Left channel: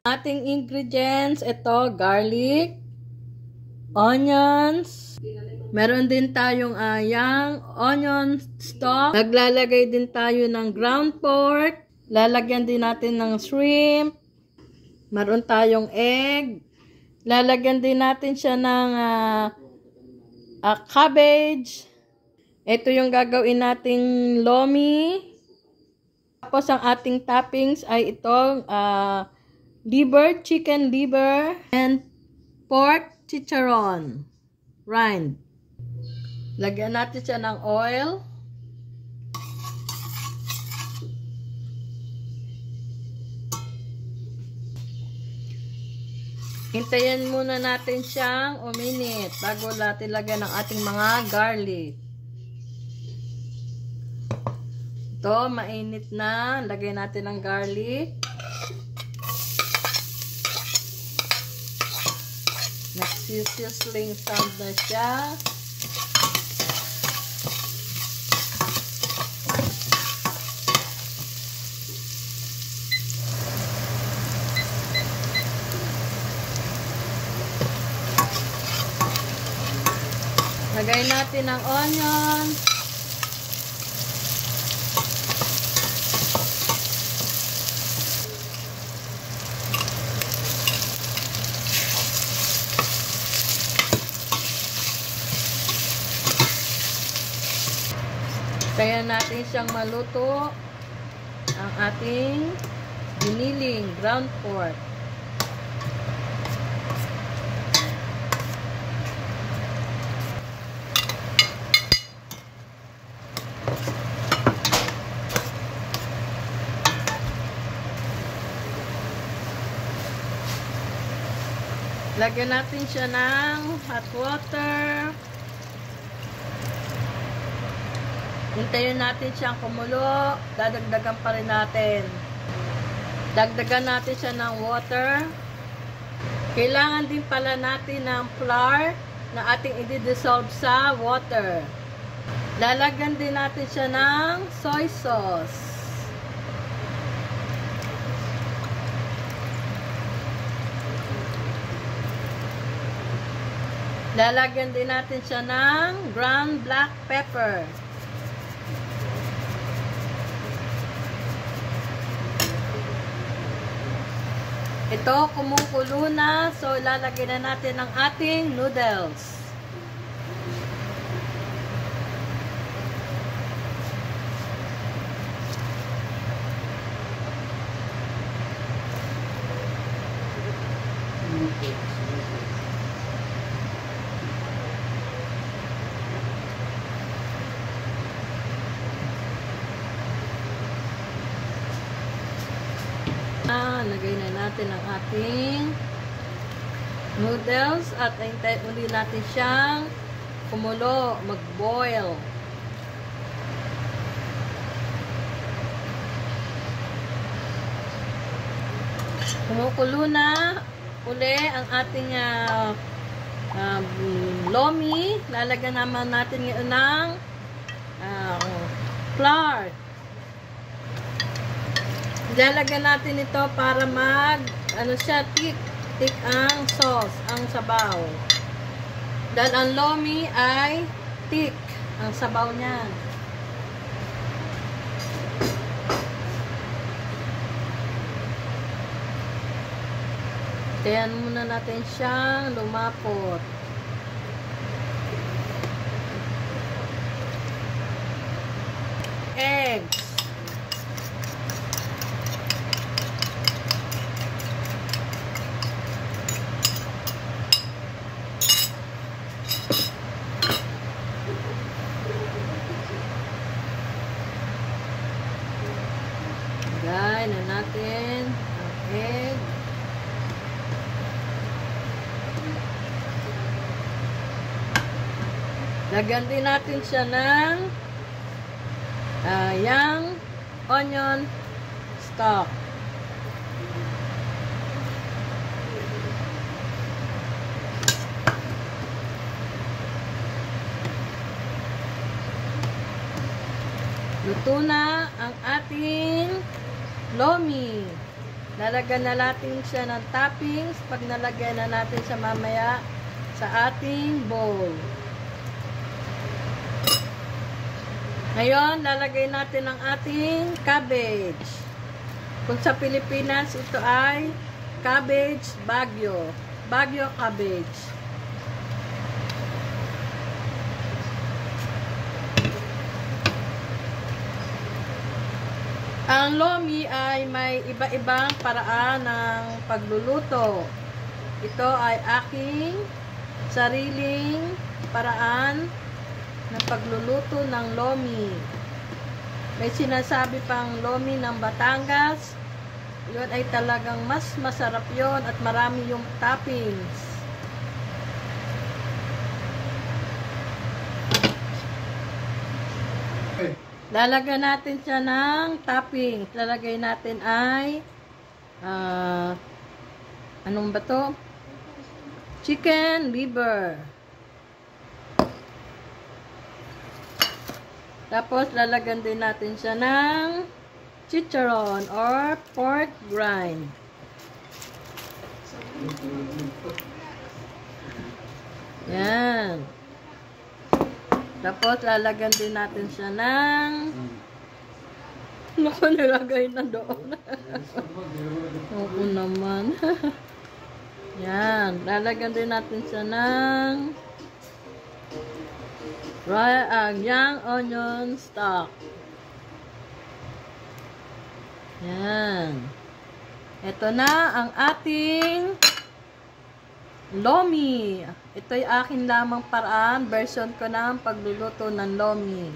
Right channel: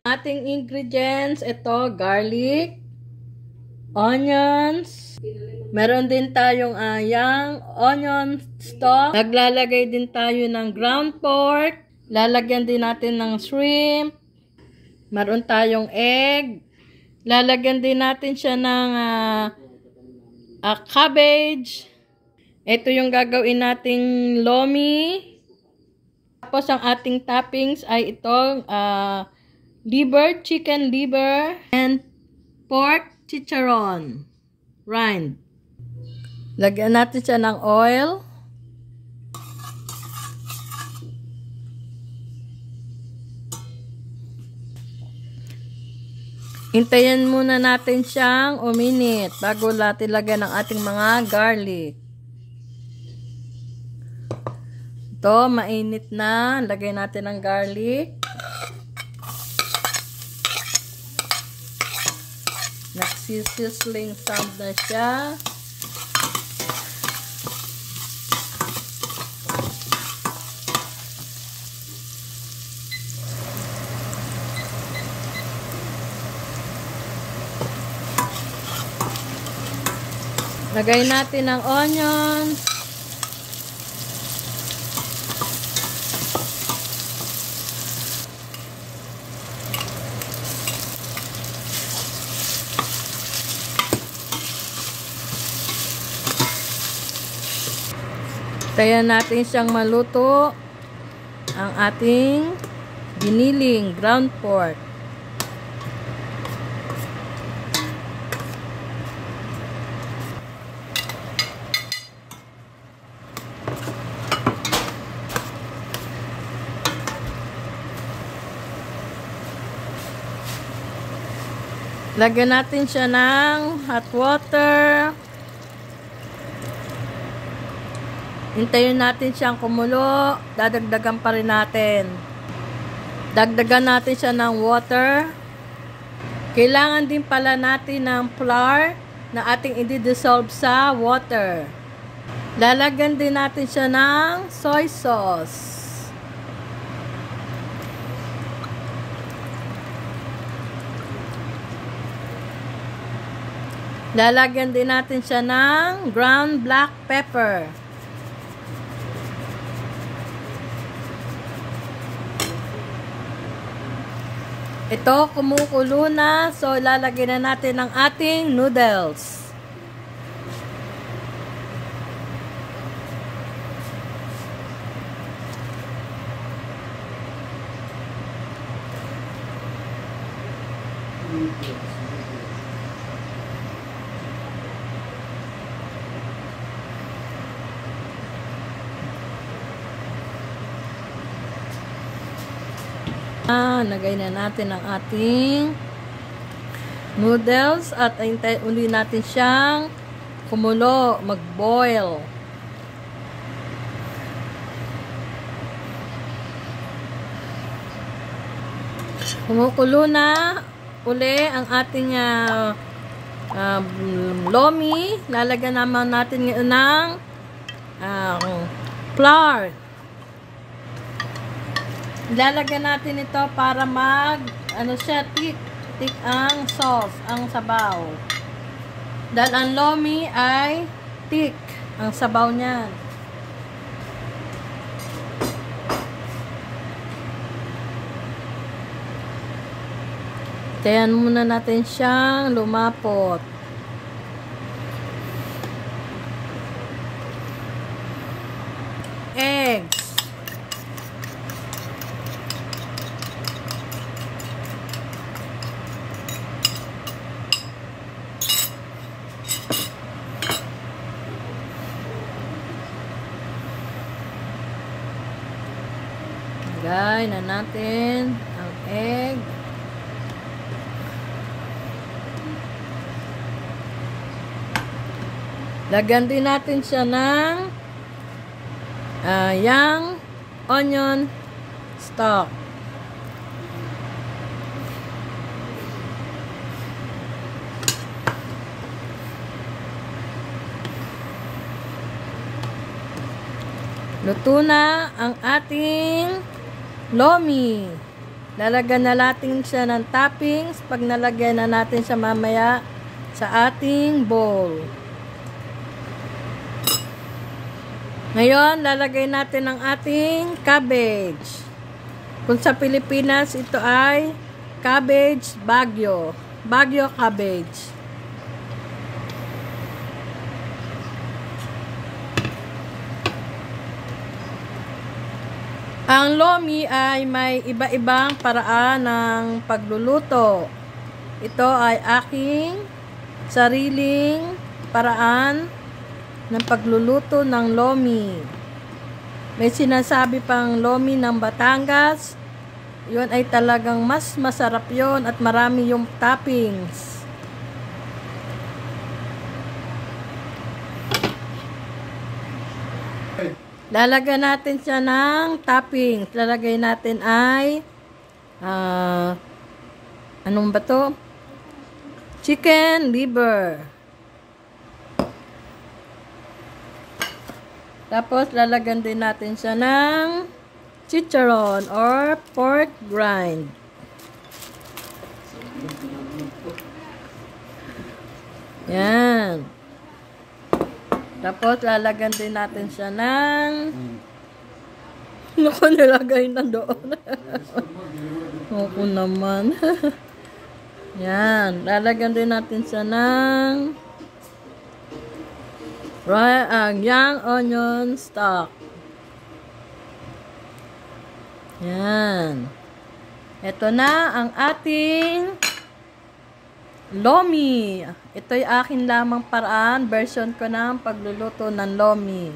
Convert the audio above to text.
Ating ingredients, ito, garlic, onions, meron din tayong yang onion stock. Naglalagay din tayo ng ground pork. Lalagyan din natin ng shrimp. Meron tayong egg. Lalagyan din natin siya ng cabbage. Ito yung gagawin nating lomi. Tapos ang ating toppings ay itong liver, chicken liver, and pork chicharon rind. Lagyan natin siya ng oil. Hintayin muna natin siyang uminit bago natin lagyan ng ating mga garlic. Ito, mainit na. Lagay natin ang garlic. Nagsisizzling sound na siya. Lagay natin ang onion. Kaya natin siyang maluto ang ating giniling ground pork. Lagyan natin siya ng hot water. Hintayin natin siyang kumulo. Dadagdagan pa rin natin. Dagdagan natin siya ng water. Kailangan din pala natin ng flour na ating i-dissolve sa water. Lalagyan din natin siya ng soy sauce. Lalagyan din natin siya ng ground black pepper. Ito, kumukulo na. So, lalagyan na natin ang ating noodles. Lagay na natin ang ating noodles at hintayin uli natin siyang kumulo, mag-boil. Kumukulo na uli ang ating lomi. Lalagyan naman natin ngayon ng flour. Ilalagyan natin ito para thick ang sauce, ang sabaw. Dahil ang lomi ay thick ang sabaw niyan. Tayan muna natin siyang lumapot. Eggs. Lagay na natin ang egg. Lagyan din natin siya ng yang onion stock. Luto na ang ating lomi. Lalagyan na natin siya ng toppings pag nalagyan na natin siya mamaya sa ating bowl. Ngayon, lalagay natin ang ating cabbage. Kung sa Pilipinas, ito ay cabbage bagyo. Bagyo cabbage. Ang lomi ay may iba-ibang paraan ng pagluluto. Ito ay aking sariling paraan ng pagluluto ng lomi. May sinasabi pang lomi ng Batangas. Yun ay talagang mas masarap yon at marami yung toppings. Lalagyan natin siya ng toppings. Lalagay natin ay anong ba to? Chicken liver. Tapos, lalagyan din natin siya ng chicharon or pork rind. Yan. Tapos, lalagyan din natin siya ng naku, nilagay na doon. Opo naman. Yan. Lalagyan din natin siya ng young onion stock. Yan. Ito na ang ating lomi. Ito'y akin lamang paraan, version ko ng pagluluto ng lomi.